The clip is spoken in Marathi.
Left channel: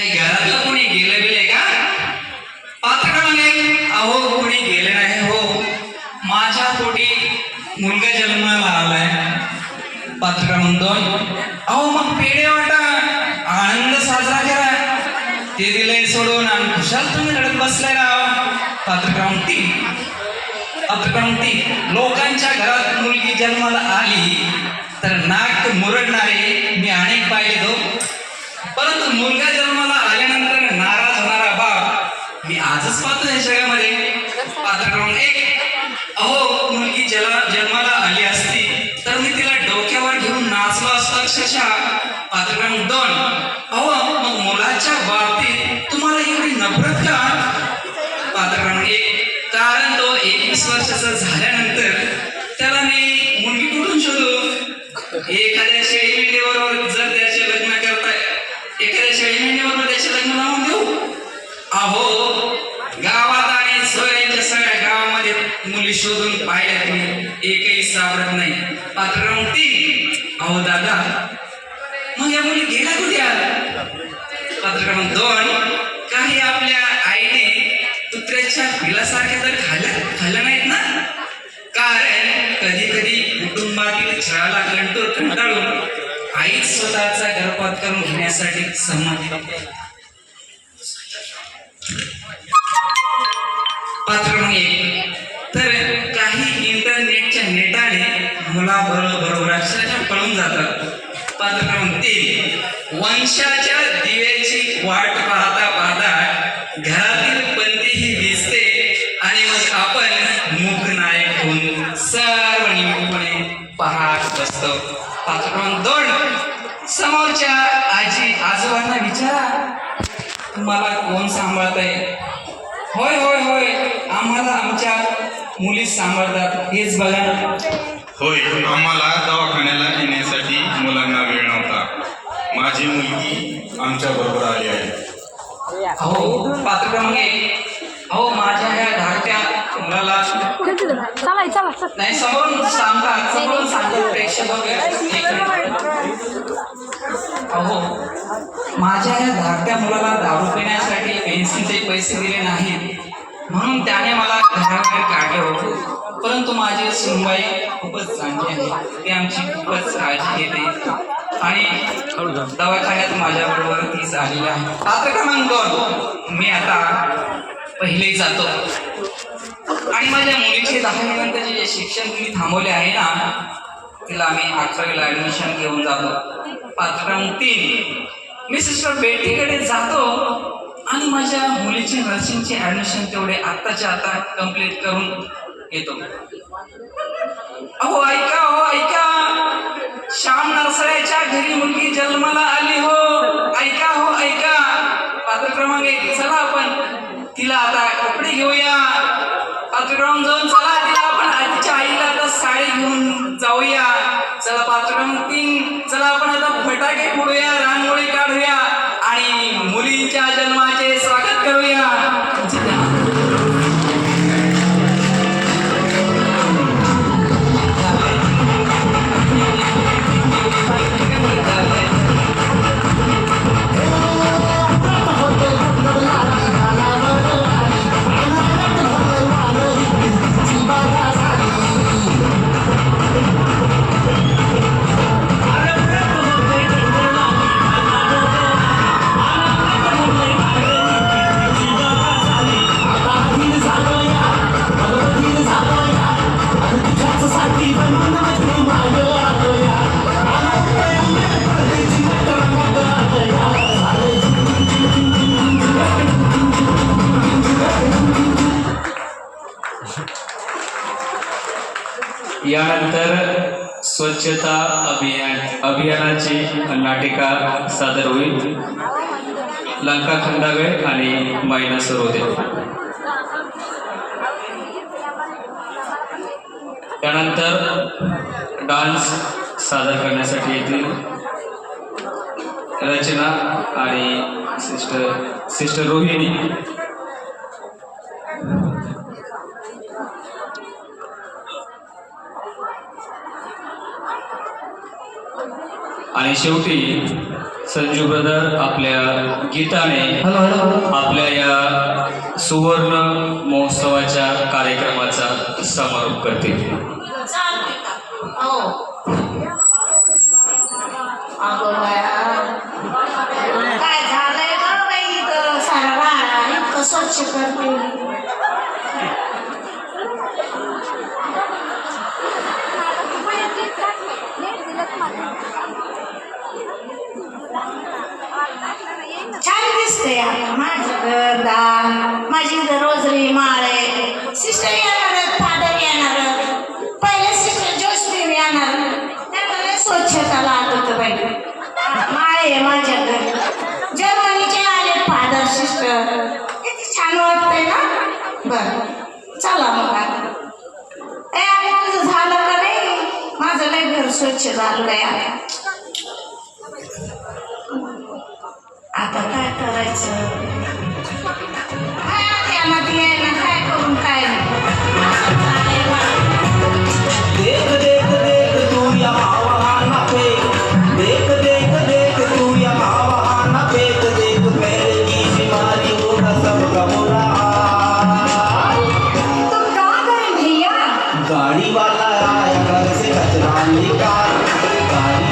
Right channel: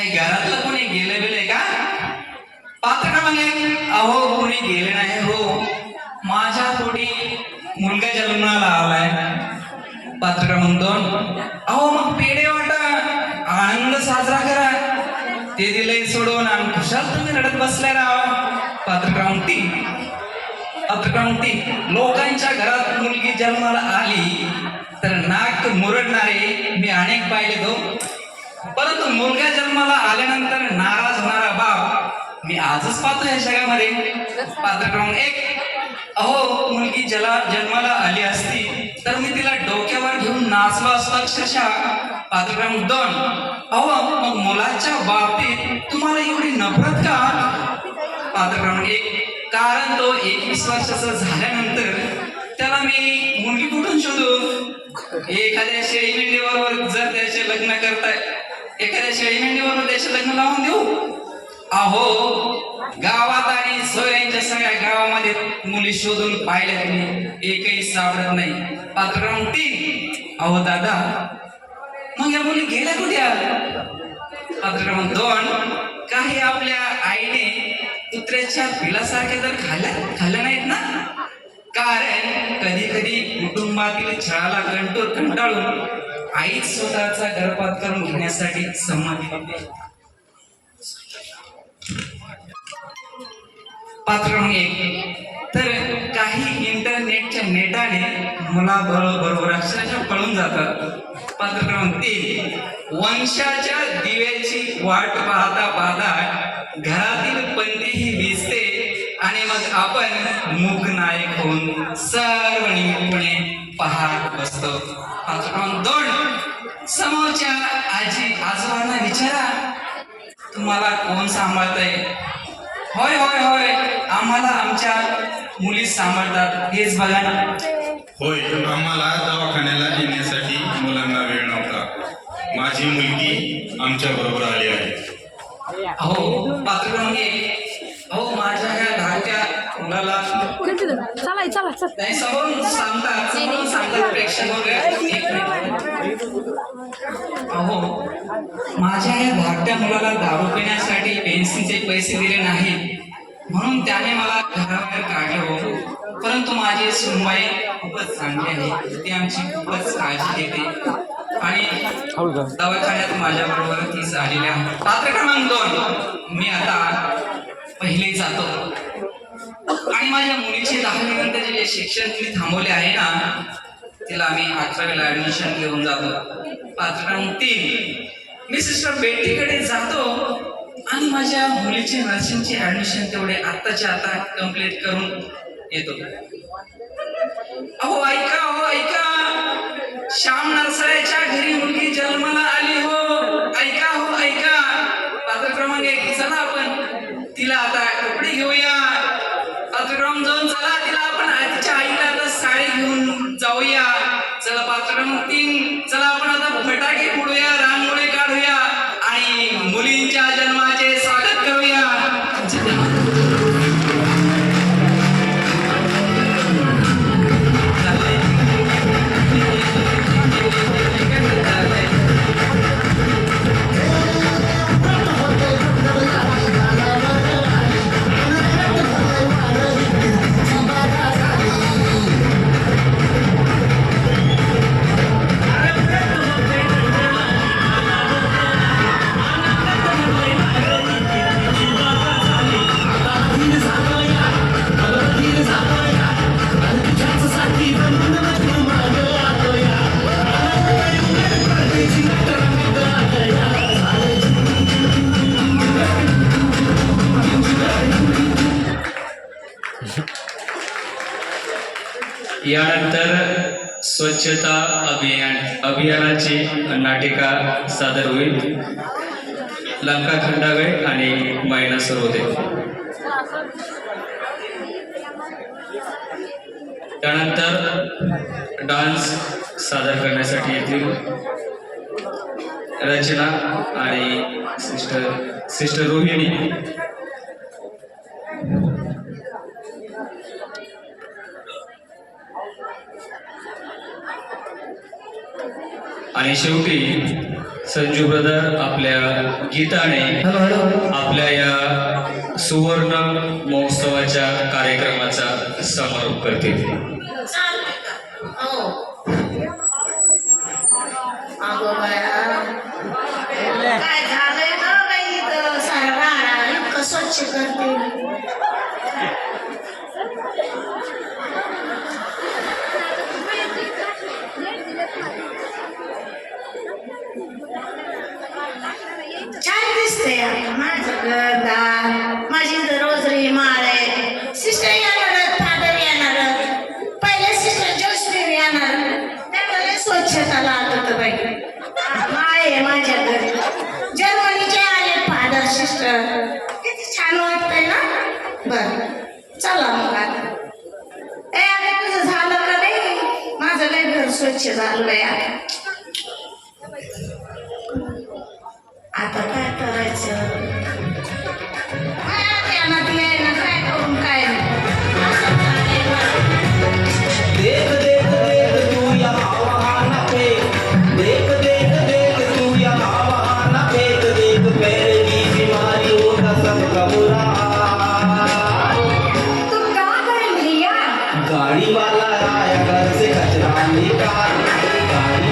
काही घरातलं कोणी गेलं बिले का? पात्र क्रमांक एक, अहो कोणी गेले नाही हो, माझ्या पोटी मुलगा जन्माला आलाय. पात्र क्रमांक दोन, अहो मग पेढे वाटा, आनंद साजरा करा. ते दिलंय सोडून आणि खुशाल तुम्ही रडत बसलाय राव. पात्र क्रमांक तीन, पात्र क्रमांक तीन, लोकांच्या घरात मुलगी जन्माला आली तर नाक मुरडणारे मी अनेक पाहिले तो, परंतु मुलगा जन्माला आल्यानंतर नाराज होणारा बाप मी आजच पाहतो या जगामध्ये. पात्र क्रमांक एक, अहो मुलगी जन्माला आली असती तर मी तिला डोक्यावर घेऊन नाचलो असतो अक्षरशः. पात्र क्रमांक दोन, अहो मग मुलाच्या बाबतीत तुम्हाला एवढी नफरत का? पात्र क्रमांक एक, कारण तो 21 वर्षाचा झाल्यानंतर त्याला मी मुलगी कुठून शोधू? एखाद्या शेळी मेंढीबरोबर जर त्याचे लग्न करताय, एखाद्या शेळी मेंढीबरोबर त्याचे लग्न लावून देऊ? अहो गावात आणि सोयऱ्यांच्या सगळ्या गावामध्ये मुली शोधून पाहिल्या तुम्ही, एकही सापडत नाही. पात्र क्रमांक तीन, अहो दादा मग या मुली गेल्या कुठे? पात्र क्रमांक दोन, काही आपल्या आईने कुत्र्याच्या पिलासारख्या जर खाल्ल्या नाहीत ना, कारण कधी कधी कुटुंबातील छळाला कंटाळून आईच स्वतःचा गर्भपात करून घेण्यासाठी संमती देते. पात्र क्रमांक एक, तर काही इंटरनेटच्या नेटाने मुलाबरोबर अक्षरशः पळून जातात. पात्र क्रमांक तीन, वंशाच्या दिव्याची वाट पाहता पाहता घरातील पंथीही विजते आणि मग आपण मूकनायक होऊन सर्व निमुटपणे पाहत बसतो. पात्र क्रमांक दोन, समोरच्या आजी आजोबांना विचारा तुम्हाला कोण सांभाळतंय? होय होय होय, आम्हाला आमच्या मुली सांभाळतात, हेच बघा ना. होय, आम्हाला दवाखान्याला येण्यासाठी मुलांना वेळ नव्हता. माझी मुलगी आमच्या बरोबर आली आहे. हो. पात्र क्रमांक एक, अहो माझ्या या धाकट्या मुलाला नाही समोरून सांगतात प्रेक्षक वगैरे. अहो माझ्या या धाकट्या मुलाला दारू पिण्यासाठी पेन्सिलचे पैसे दिले नाहीत म्हणून त्याने मला घराबाहेर काढलं, परंतु माझी सुनबाई खूपच चांगली आहे, ती आमची खूपच काळजी घेते आणि दवाखान्यात माझ्याबरोबर तीच आलेली आहे. पात्र क्रमांक दोन, मी आता पहिले जातो आणि माझ्या मुलीचे 10वी नंतरचे जे शिक्षण तुम्ही थांबवले आहे ना, तिला मी 11वीला ऍडमिशन घेऊन जातो. पात्र क्रमांक तीन, मी सिस्टर बेटीकडे जातो आणि माझ्या मुलीचे नर्सिंगचे ऍडमिशन तेवढे आत्ताच्या आता कंप्लीट करून येतो. अहो ऐका, श्याम नरसळ्याच्या घरी मुलगी जन्माला आली हो, ऐका हो ऐका. पात्र क्रमांक एक, चला आपण तिला आता कपडे घेऊया. पात्र क्रमांक दोन, चला तिला आपण आजच्या आईला आता साडी घेऊन जाऊया. चला पात्र क्रमांक तीन, चला आपण आता फटाके फोडूया, रांगोळी काढूया आणि मुलींच्या जन्माचे स्वागत करूया. यानंतर स्वच्छता अभियानाची नाटिका सादर होईल. लंका खंडागळे आणि मैना सरोदे. त्यानंतर डान्स सादर करण्यासाठी येतील रचना आणि सिस्टर रोहिणी. आणि शेवटी संजू ब्रदर आपल्या गीताने आपल्या या सुवर्ण महोत्सवाच्या कार्यक्रमाचा समारोप करतील. हो. अगं बाया, काय झालंय ना बाई इथं सारा राडा इतकं स्वच्छ करते. छान दिसतंय आता माझं घरदार, माझी इथं रोजरी माळ आहे. सिस्टर येणार, फादर येणार, पहिले सिस्टर जोसफीर येणार. त्यामुळे स्वच्छता लागत होतं बाई. माळ आहे माझ्या घरी. जर्मनीचे आले फादर सिस्टर. किती छान वाटतंय ना. बरं चला मग आता. ए आता तुझं झालं का नाही? माझं लय घर स्वच्छ झालं बाई. आता काय करायचं? काय करून काय देख देख देख तू यहाँ वहाँ फेंक, देख देख देख तू यहाँ वहाँ फेंक, देख पैर की बीमारी होगा सबका बुरा हाल. तुम कहाँ गए भैया? गाड़ी वाला आया घर से कचरा निकाल, गाड़ी